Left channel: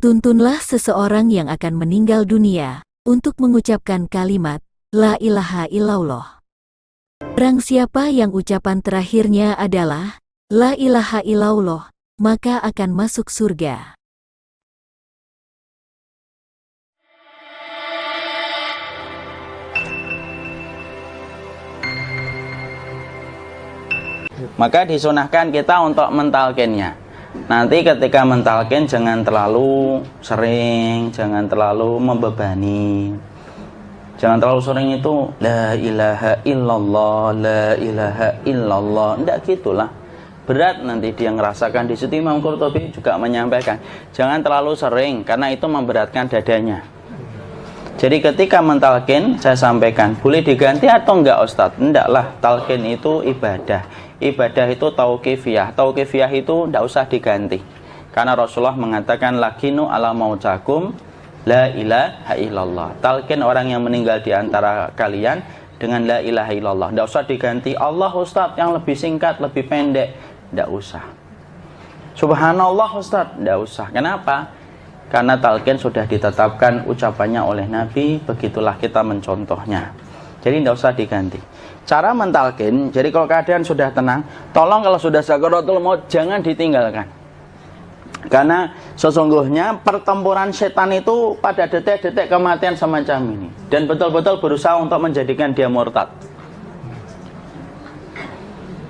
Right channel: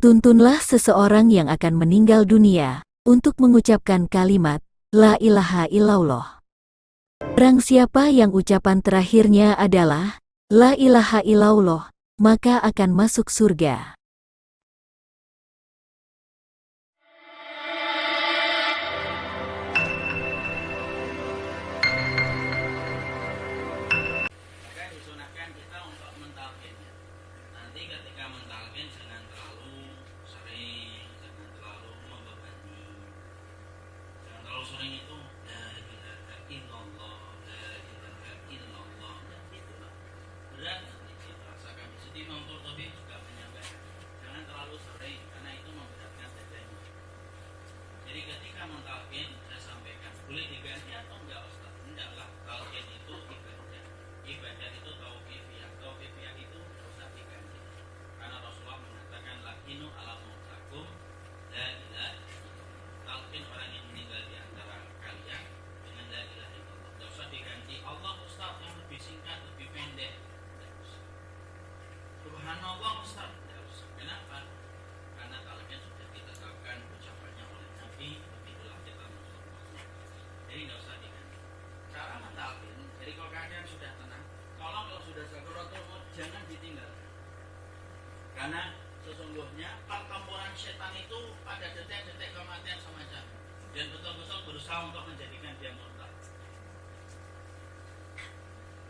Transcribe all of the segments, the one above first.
Tuntunlah seseorang yang akan meninggal dunia untuk mengucapkan kalimat La ilaha illallah. Barang siapa yang ucapan terakhirnya adalah La ilaha illallah, maka akan masuk surga. Maka disunahkan kita untuk mentalkinnya. Nanti ketika mentalkin jangan terlalu sering, jangan terlalu membebani. Jangan terlalu sering itu La ilaha illallah, La ilaha illallah. Tidak gitulah. Berat nanti dia ngerasakan. Di situ Imam Qurtubi juga menyampaikan, jangan terlalu sering karena itu memberatkan dadanya. Jadi ketika mentalkin, saya sampaikan, boleh diganti atau enggak Ustadz? Enggaklah, talkin itu ibadah. Ibadah itu tauqifiyah. Tauqifiyah itu enggak usah diganti. Karena Rasulullah mengatakan, lakinu ala mautakum la ilaha illallah. Talkin orang yang meninggal di antara kalian dengan la ilaha illallah. Enggak usah diganti Allah Ustadz yang lebih singkat, lebih pendek. Enggak usah. Subhanallah Ustadz, enggak usah. Kenapa? Karena talqin sudah ditetapkan ucapannya oleh Nabi, begitulah kita mencontohnya. Jadi tidak usah diganti. Cara mentalqin, jadi kalau keadaan sudah tenang, tolong kalau sudah sakaratul maut jangan ditinggalkan. Karena sesungguhnya pertempuran setan itu pada detik-detik kematian semacam ini. Dan betul-betul berusaha untuk menjadikan dia murtad.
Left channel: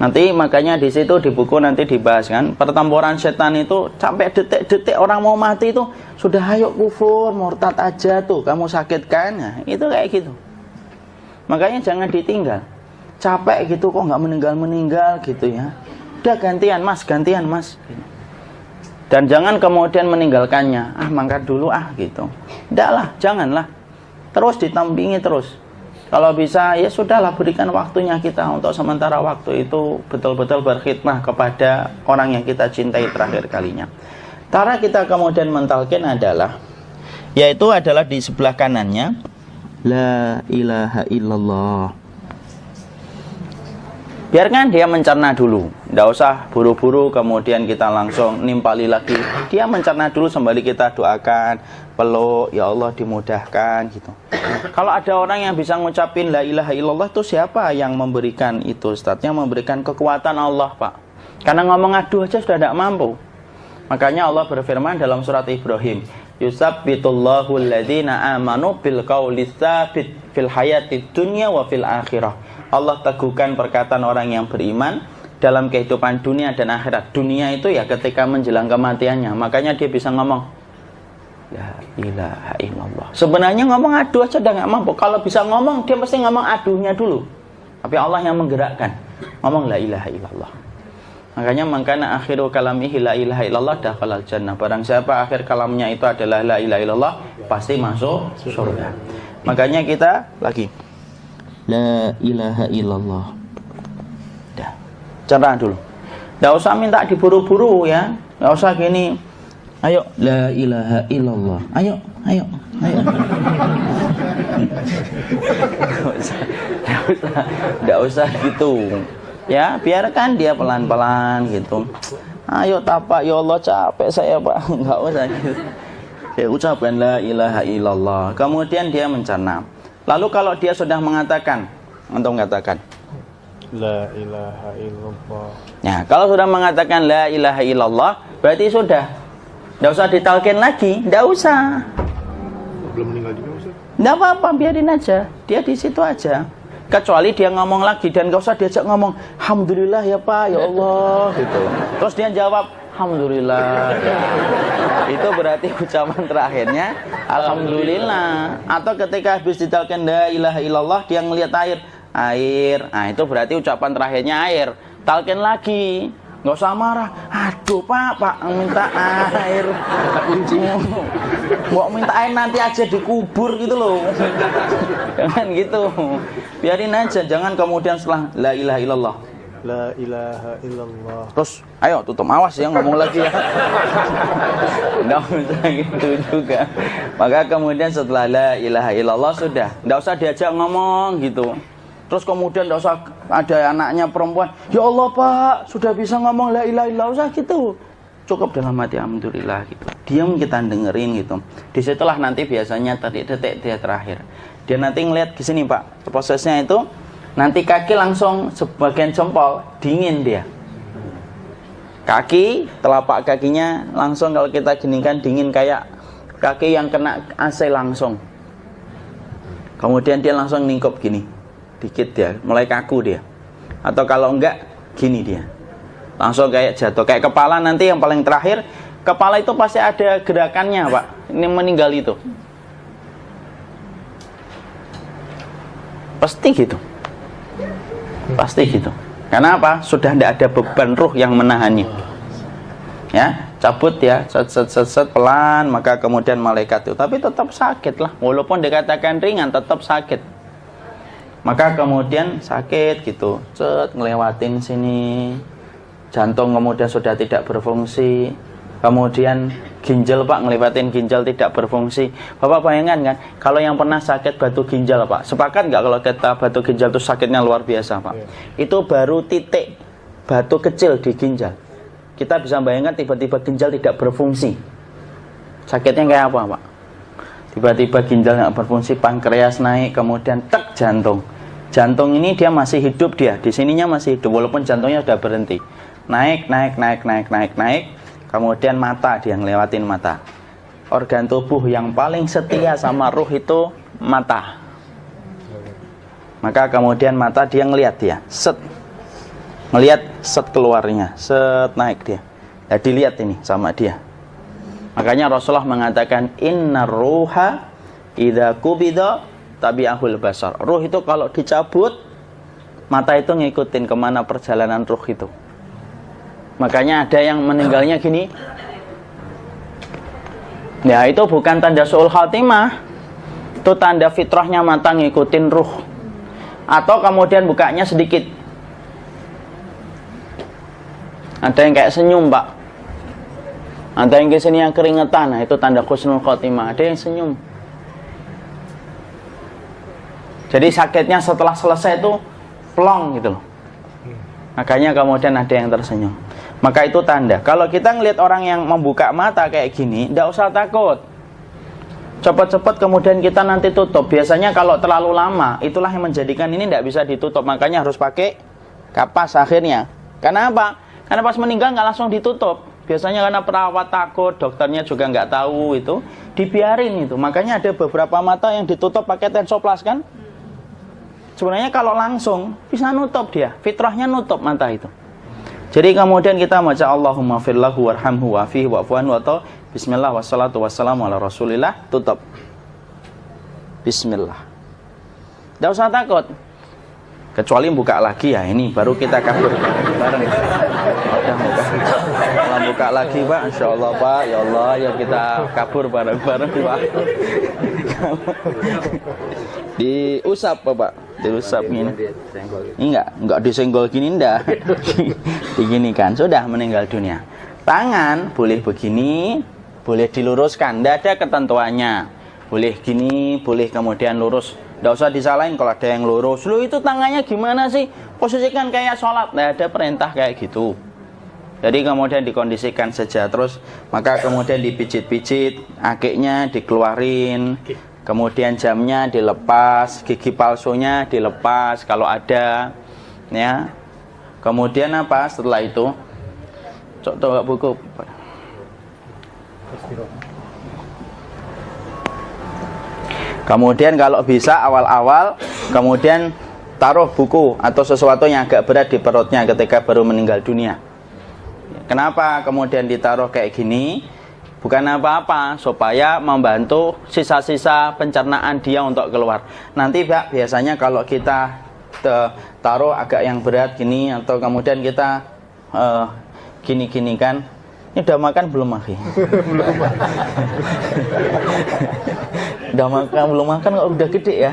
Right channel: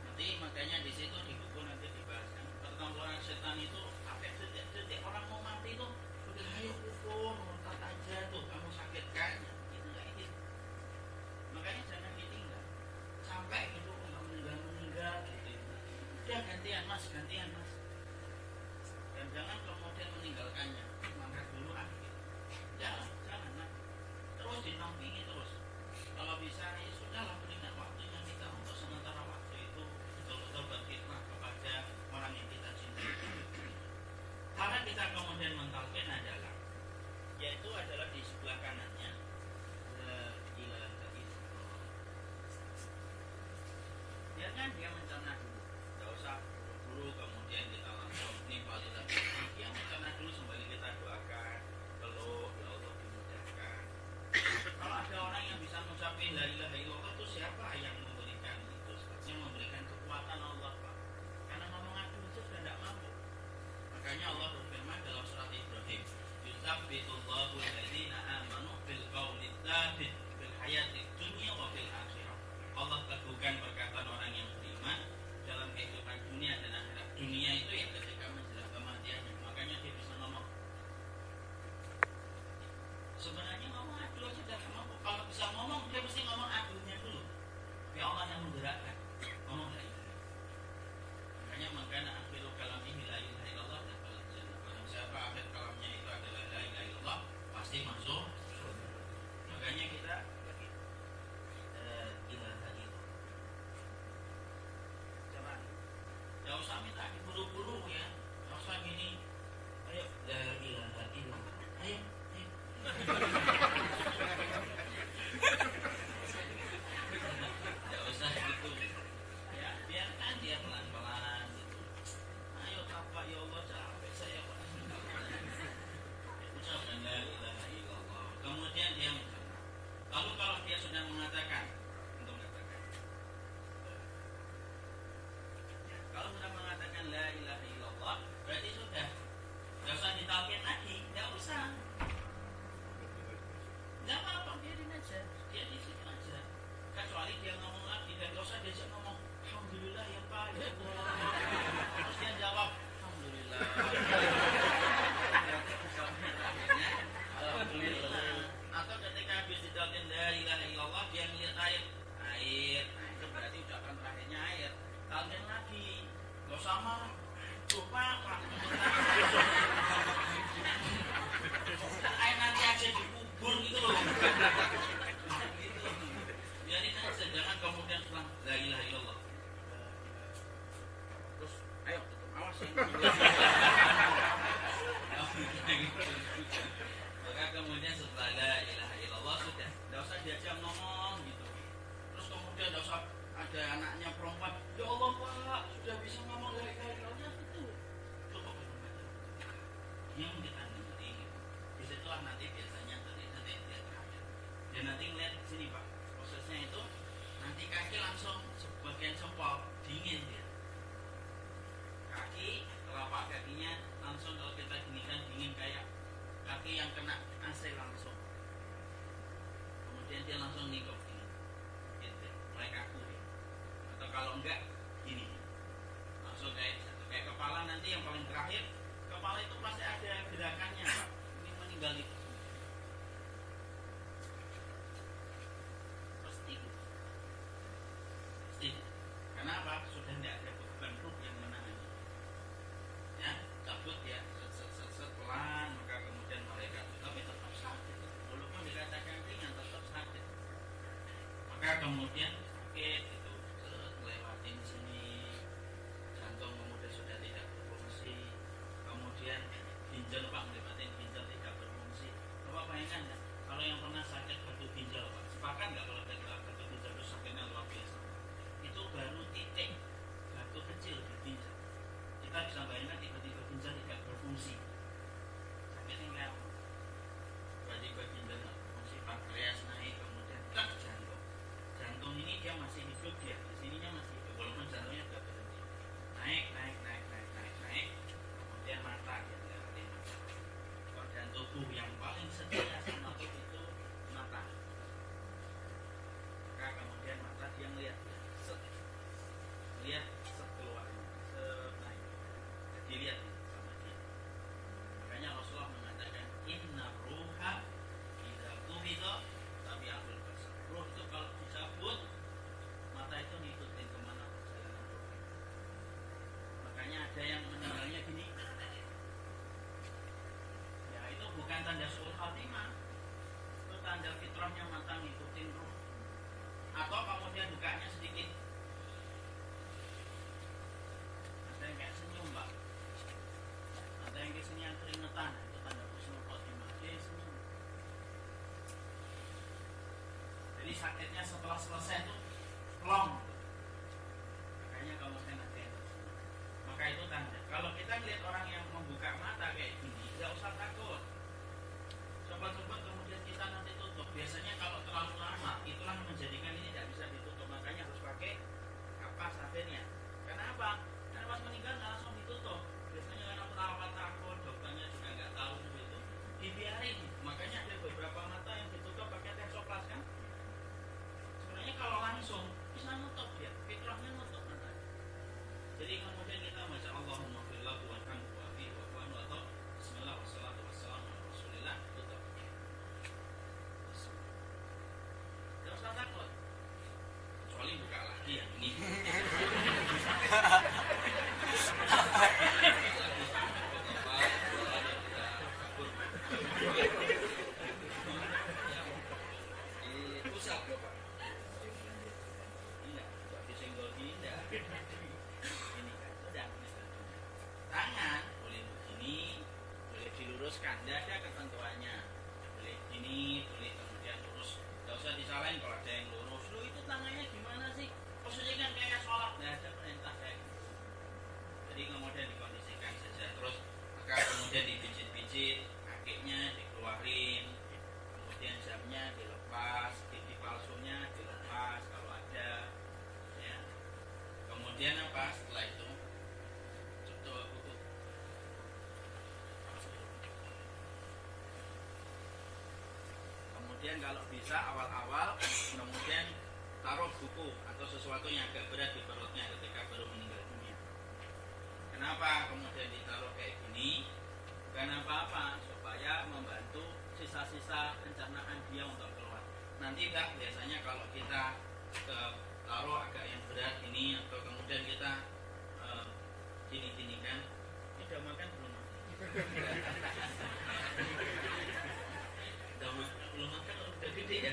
Nanti makanya di situ di buku nanti dibahas kan, pertempuran setan itu sampai detik-detik orang mau mati itu sudah ayo kufur, murtad aja tuh, kamu sakit kan? Nah, itu kayak gitu. Makanya jangan ditinggal. Capek gitu kok nggak meninggal gitu ya. Udah gantian mas. Dan jangan kemudian meninggalkannya. Mangkat dulu gitu. Enggak lah, janganlah. Terus ditampingi terus. Kalau bisa ya sudahlah, berikan waktunya kita untuk sementara waktu itu betul-betul berkhidmah kepada orang yang kita cintai terakhir kalinya. Cara kita kemudian mentalkin adalah, yaitu adalah di sebelah kanannya La ilaha illallah. Biarkan dia mencerna dulu, tidak usah buru-buru kemudian kita langsung nimpali lagi. Dia mencerna dulu sembari kita doakan, peluk, ya Allah dimudahkan gitu. Kalau ada orang yang bisa ngucapin la ilaha illallah, itu siapa yang memberikan itu Ustaz? Yang memberikan kekuatan Allah Pak. Karena ngomong aduh aja sudah tidak mampu. Makanya Allah berfirman dalam surat Ibrahim, yusabbitullahu alladhina amanu bil qawli tsabit fil hayatid dunya wa fil akhirah. Allah teguhkan perkataan orang yang beriman dalam kehidupan dunia dan akhirat. Dunia itu ya ketika menjelang kematiannya. Makanya dia bisa ngomong La ilaha illallah. Sebenarnya ngomong aduh aja udah gak mampu. Kalau bisa ngomong, dia pasti ngomong aduhnya dulu. Tapi Allah yang menggerakkan. Ngomong la ilaha illallah. Makanya mangkana akhiru kalamihi la ilaha illallah dakhalal jannah. Barang siapa akhir kalamnya itu adalah la ilaha illallah, pasti masuk surga. Makanya kita lagi la ilaha illallah. Dah. Cerah dulu. Enggak usah minta diburu-buru ya. Enggak usah gini. Ayo la ilaha illallah. Ayo. Enggak usah gitu. Ya, biarkan dia pelan-pelan gitu. Ayo tapak, ya Allah capek saya Pak. Enggak usah gitu. Ya ucapkan la ilaha illallah. Kemudian dia mencerna. Lalu kalau dia sudah mengatakan, antum katakan La ilaha illallah. Ya, kalau sudah mengatakan la ilaha illallah, berarti sudah. Enggak usah ditalkin lagi, enggak usah. Belum meninggal juga Ustaz? Enggak apa-apa, biarin aja. Dia di situ aja. Kecuali dia ngomong lagi dan enggak usah diajak ngomong, alhamdulillah ya Pak, ya Allah gitu. Terus dia jawab, alhamdulillah. Ya. Itu berarti ucapan terakhirnya alhamdulillah. Atau ketika habis ditalkin la ilaha illallah, dia ngelihat air. Nah, itu berarti ucapan terakhirnya air. Talkin lagi. Nggak usah marah. Aduh Pak minta air. Mau minta air nanti aja dikubur gitu loh. Jangan gitu. Biarin aja. Jangan kemudian setelah la ilaha illallah, La ilaha illallah. terus ayo tutup, awas ya ngomong lagi ya. Nggak bisa gitu juga. Maka kemudian setelah la ilaha illallah sudah. Nggak usah diajak ngomong gitu. Terus kemudian nggak usah ada anaknya perempuan, ya Allah Pak sudah bisa ngomong la ilaha illallah, usah gitu. cukup dalam hati alhamdulillah gitu. Diam kita dengerin gitu. Disitulah nanti biasanya detik-detik dia terakhir. Dia nanti ngelihat di sini Pak, prosesnya itu nanti kaki langsung sebagian jempol dingin dia. Kaki, telapak kakinya langsung kalau kita geningkan dingin kayak kaki yang kena AC langsung. Kemudian dia langsung ningkup gini, dikit dia, mulai kaku dia. Atau kalau enggak, gini dia. Langsung kayak jatuh, kayak kepala nanti yang paling terakhir, kepala itu pasti ada gerakannya Pak, ini meninggal itu. Pasti gitu. Pasti gitu. Karena apa? Sudah tidak ada beban ruh yang menahannya. Ya, cabut ya, set pelan, maka kemudian malaikat itu. Tapi tetap sakit lah, walaupun dikatakan ringan, tetap sakit. Maka kemudian sakit gitu, ngelewatin sini. Jantung kemudian sudah tidak berfungsi. Kemudian ginjal Pak, ngelewatin ginjal tidak berfungsi. Bapak bayangkan kan, kalau yang pernah sakit batu ginjal Pak, sepakat nggak kalau kita batu ginjal itu sakitnya luar biasa Pak? Itu baru titik batu kecil di ginjal. Kita bisa bayangkan tiba-tiba ginjal tidak berfungsi. Sakitnya kayak apa Pak? Tiba-tiba ginjal nggak berfungsi, pankreas naik, kemudian tek jantung. Jantung ini dia masih hidup dia, di sininya masih hidup walaupun jantungnya sudah berhenti. Naik, kemudian mata dia ngelewatin mata. Organ tubuh yang paling setia sama ruh itu mata. Maka kemudian mata dia ngelihat dia, ngelihat keluarnya, naik dia. Ya dilihat ini sama dia. Makanya Rasulullah mengatakan innar ruha idza qubida tabi'ahul basar. Ruh itu kalau dicabut, mata itu ngikutin kemana perjalanan ruh itu. Makanya ada yang meninggalnya gini. Ya itu bukan tanda su'ul khatimah. Itu tanda fitrahnya mata ngikutin ruh. Atau kemudian bukanya sedikit. Ada yang kayak senyum Pak. Ada yang kesini yang keringetan. Nah itu tanda husnul khatimah. Ada yang senyum. Jadi sakitnya setelah selesai itu plong gitu loh. Makanya kemudian ada yang tersenyum. Maka itu tanda. Kalau kita ngelihat orang yang membuka mata kayak gini, tidak usah takut. Cepat-cepat kemudian kita nanti tutup. Biasanya kalau terlalu lama, itulah yang menjadikan ini tidak bisa ditutup. Makanya harus pakai kapas akhirnya. Karena apa? Karena pas meninggal nggak langsung ditutup. Biasanya karena perawat takut, dokternya juga nggak tahu itu, dibiarin itu. Makanya ada beberapa mata yang ditutup pakai tensoplas kan? Sebenarnya kalau langsung bisa nutup dia, fitrahnya nutup mata itu. Jadi kemudian kita baca Allahumma firlahu warhamhu wa'afihi wa'fu anhu atau bismillah wassalatu wassalamu ala rasulillah, tutup. Bismillah. Tidak usah takut. Kecuali buka lagi ya, ini baru kita kabur bareng. Kalau buka lagi Pak, insya Allah Pak, ya Allah ya kita kabur bareng-bareng Pak. Diusap Pak, diusap gini. Ini enggak disenggol gini enggak. Begini kan, sudah meninggal dunia. Tangan boleh begini, boleh diluruskan, enggak ada ketentuannya. Boleh gini, boleh kemudian lurus. Nggak usah disalahin kalau ada yang lurus. Lu itu tangannya gimana sih? Posisikan kayak sholat. Nggak ada perintah kayak gitu. Jadi kemudian dikondisikan saja. Terus maka kemudian dipijit-pijit, akiknya dikeluarin, kemudian jamnya dilepas, gigi palsunya dilepas kalau ada, ya. Kemudian apa? Setelah itu, coba buku. Kemudian kalau bisa awal-awal, kemudian taruh buku atau sesuatu yang agak berat di perutnya ketika baru meninggal dunia. Kenapa kemudian ditaruh kayak gini? Bukan apa-apa, supaya membantu sisa-sisa pencernaan dia untuk keluar. Nanti Pak, biasanya kalau kita taruh agak yang berat gini, atau kemudian kita gini-gini kan, ini udah makan belum Maki? Udah makan belum makan kok udah gede ya.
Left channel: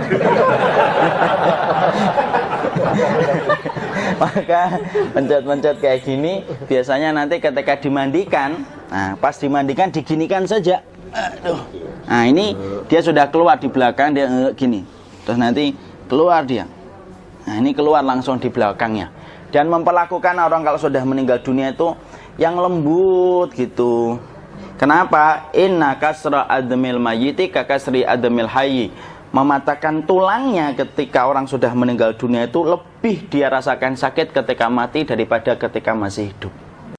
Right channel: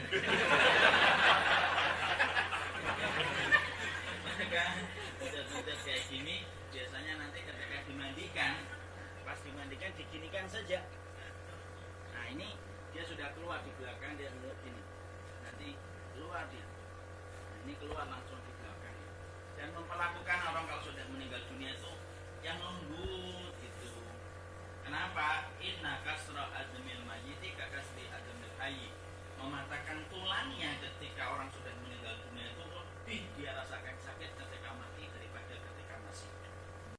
Maka pencet-pencet kayak gini biasanya nanti ketika dimandikan, nah pas dimandikan diginikan saja. Aduh. Nah ini dia sudah keluar di belakang, dia gini. Terus nanti keluar dia. Nah ini keluar langsung di belakangnya. Dan memperlakukan orang kalau sudah meninggal dunia itu yang lembut gitu. Kenapa? Inna kasra admil mayyiti kakasri admil hayyi. Mematahkan tulangnya ketika orang sudah meninggal dunia itu lebih dia rasakan sakit ketika mati daripada ketika masih hidup.